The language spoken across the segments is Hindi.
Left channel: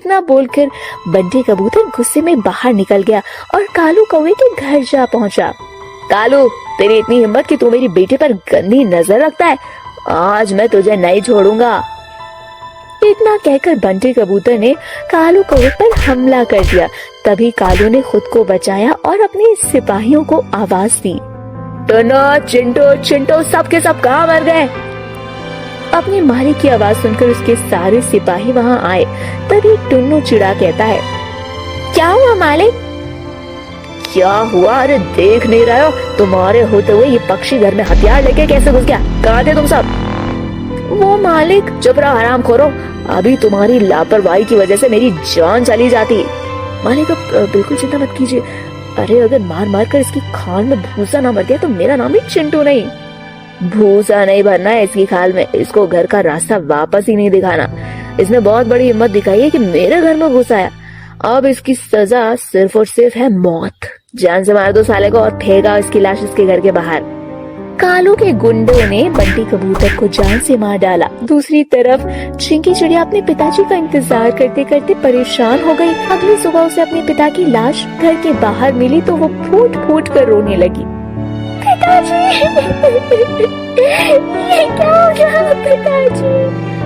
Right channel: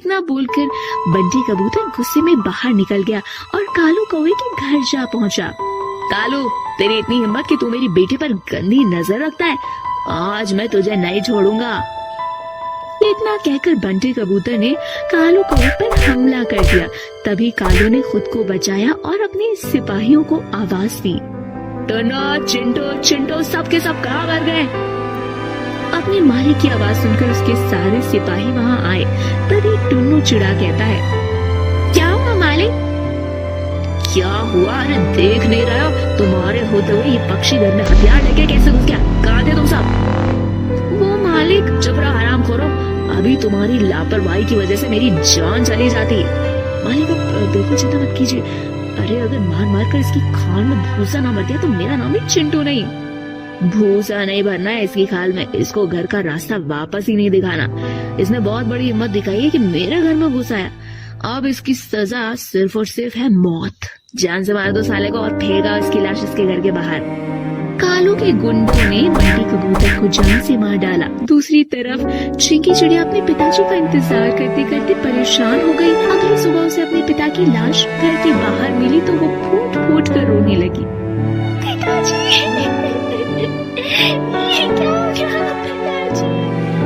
इतना बोलकर बंटी कबूतर गुस्से में बाहर निकल गया और कालू कौवे के घर जा पहुंचा। कालू, तेरी इतनी हिम्मत कि तू मेरी बेटे पर गंदी नजर रखता है, आज मैं तुझे नहीं छोड़ूंगा। इतना कहकर बंटी कबूतर ने कालू कौवे पर हमला कर दिया। तभी कालू ने खुद को बचाया और अपने सिपाहियों को आवाज दी, टन्नो, चिंटू, चिंटू, सब के सब कहाँ मर गए? अपने मालिक की आवाज सुनकर उसके सारे सिपाही वहाँ आए। तभी टुन्नू चिड़ा कहता है, क्या हुआ मालिक? क्या हुआ? अरे देख नहीं रहे हो? तुम्हारे होते हुए ये पक्षी घर में हथियार लेके कैसे घुस गया? कहाँ थे तुम सब? वो मालिक, चुप रहो हरामखोरो, अभी तुम्हारी लापरवाही की वजह से मेरी जान चली जाती। मालिक, अब बिल्कुल चिंता मत कीजिए। अरे अगर मार मार कर इसकी खाल में भूसा ना मर गया तो मेरा नाम ही चिंटू नहीं। भूसा नहीं भरना है इसकी खाल में, इसको घर का रास्ता वापस ही नहीं दिखाना। इसने बहुत बड़ी हिम्मत दिखाई है कि मेरे घर में घुस आया। अब इसकी सजा सिर्फ और सिर्फ है मौत। जान से मार दो साले को और फेंका इसकी लाश इसके घर के बाहर। कालू के गुंडों ने बंटी कबूतर को जान से मार डाला। दूसरी तरफ चिंकी चिड़िया अपने पिताजी का इंतजार करते करते परेशान हो गई। अगली सुबह उसे अपने पिता की लाश घर के बाहर मिली तो वो फूट फूट कर रोने लगी। पिताजी, ये क्या हो गया पिताजी?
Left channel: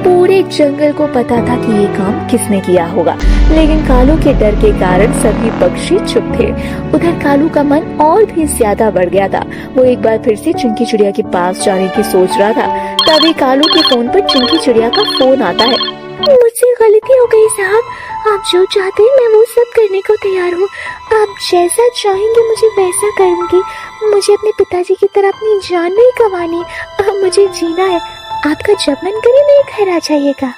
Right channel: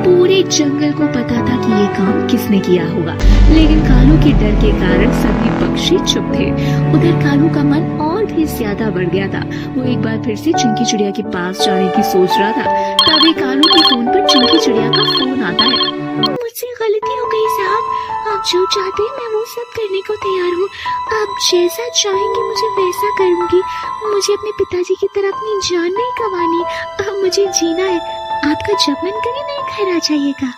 पूरे जंगल को पता था कि ये काम किसने किया होगा, लेकिन कालू के डर के कारण सभी पक्षी चुप थे। उधर कालू का मन और भी ज्यादा बढ़ गया था। वो एक बार फिर से चिंकी चिड़िया के पास जाने की सोच रहा था। तभी कालू के फोन पर चिंकी चिड़िया का फोन आता है। मुझसे गलती हो गई साहब, आप जो चाहते हैं मैं वो सब करने को तैयार हूँ। आप जैसा चाहेंगे मुझे वैसा करूँगी। मुझे अपने पिताजी की तरह अपनी जान नहीं गंवानी, मुझे जीना है। आपका जब मन करे मेरे घर आ जाइएगा।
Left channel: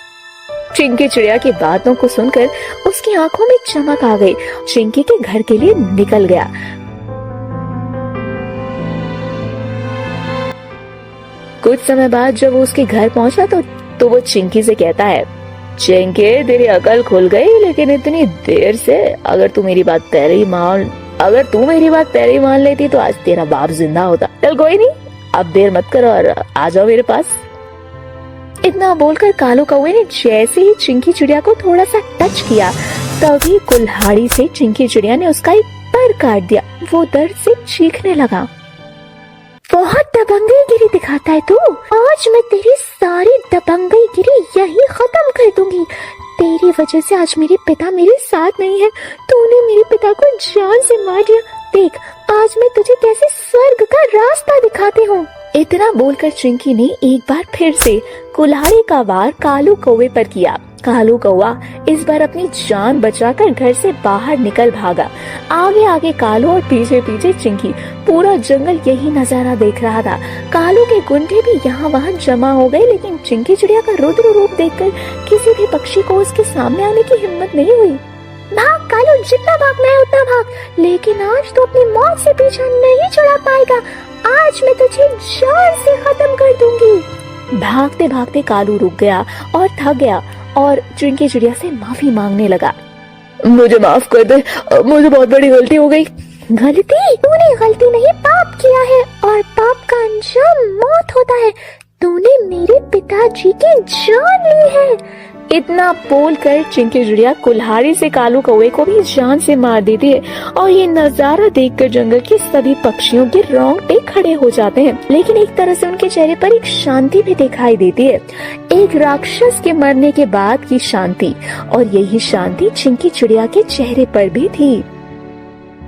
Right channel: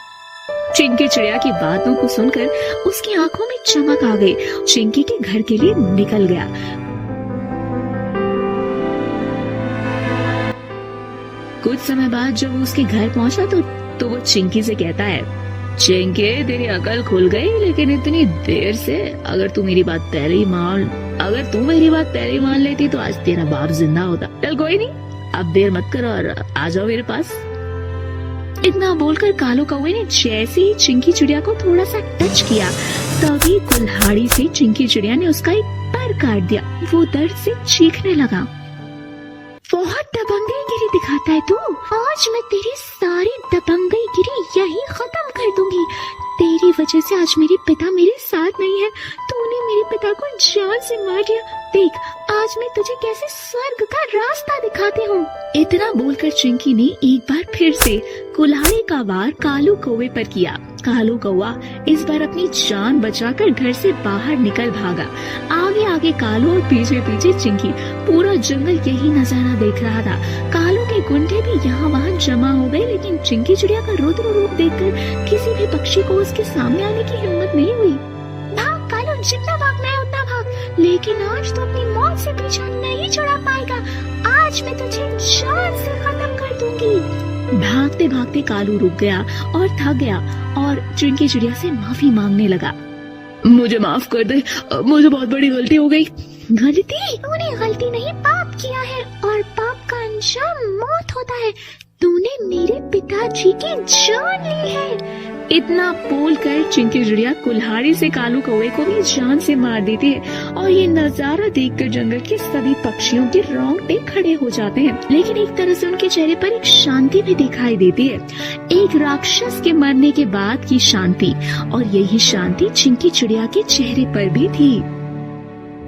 चिंकी चिड़िया की बातों को सुनकर उसकी आंखों में चमक आ गई। चिंकी के घर के लिए निकल गया। कुछ समय बाद जब वो उसके घर पहुंचा तो वो चिंकी से कहता है, चिंकी, तेरी अकल खुल गई, लेकिन इतनी देर से। अगर तू मेरी बात पहले ही मान लेती तो आज तेरा बाप जिंदा होता। चल कोई नहीं, अब देर मत करो और आ जाओ मेरे पास। इतना बोलकर कालू कौवे ने जैसे ही चिंकी चिड़िया को थोड़ा सा टच किया, तभी कुल्हाड़ी से चिंकी चिड़िया ने उसका एक पर काट दिया। वो दर्द से चीखने लगा। बहुत दबंगईगिरी दिखाता है तू। आज मैं तेरी सारी दबंगईगिरी यही खत्म कर दूंगी। तेरी वजह से आज मेरे पिता मेरे साथ नहीं है। तूने मेरे पिता को जान से मार दिया। देख, आज मैं तुझे कैसे स्वर्ग का रास्ता दिखाती हूँ। इतना बोलकर चिंकी ने एक बार फिर से कुल्हाड़ी का वार कालू कौवे पर किया। कालू कौवा इस बार अपनी जान बचाकर घर से बाहर निकल भागा। आगे आगे कालू और पीछे पीछे चिंकी। पूरा जंगल यही नजारा देख रहा था। कालू के गुंडे भी यहाँ वहाँ जमा हो गए, लेकिन चिंकी चिड़िया का रुद्र रूप देखकर किसी भी पक्षी को उसके सामने आने की हिम्मत नहीं हुई। भाग कालू, जितना भागना है उतना भाग, लेकिन आज तो अपनी मौत से पीछा नहीं छुड़ा पाएगा। आज मैं तुझे जान से खत्म कर दूंगी। भागते भागते कालू रुक गया और थक गया और चिंकी चिड़िया से माफी मांगने लगा। मुझे माफ कर दे, मुझे बहुत बड़ी गलती हो गई। गलती? तूने गलती नहीं, पाप किया है और पाप का अंजाम मौत होता है। तूने मेरे पिताजी की जान ली है। इतना बोलकर चिंकी चिड़िया कुल्हाड़ी से कालू कौवे को भी जान से मार देती है और ये नजारा देखकर जंगल के सभी पक्षियों के रोंगटे खड़े हो जाते हैं। लेकिन एक तरह से उनके चेहरे पर एक शांति भी दिखाई देती है, एक राक्षस के मरने के बाद की शांति। और यही शांति चिंकी चिड़िया के चेहरे पर भी थी।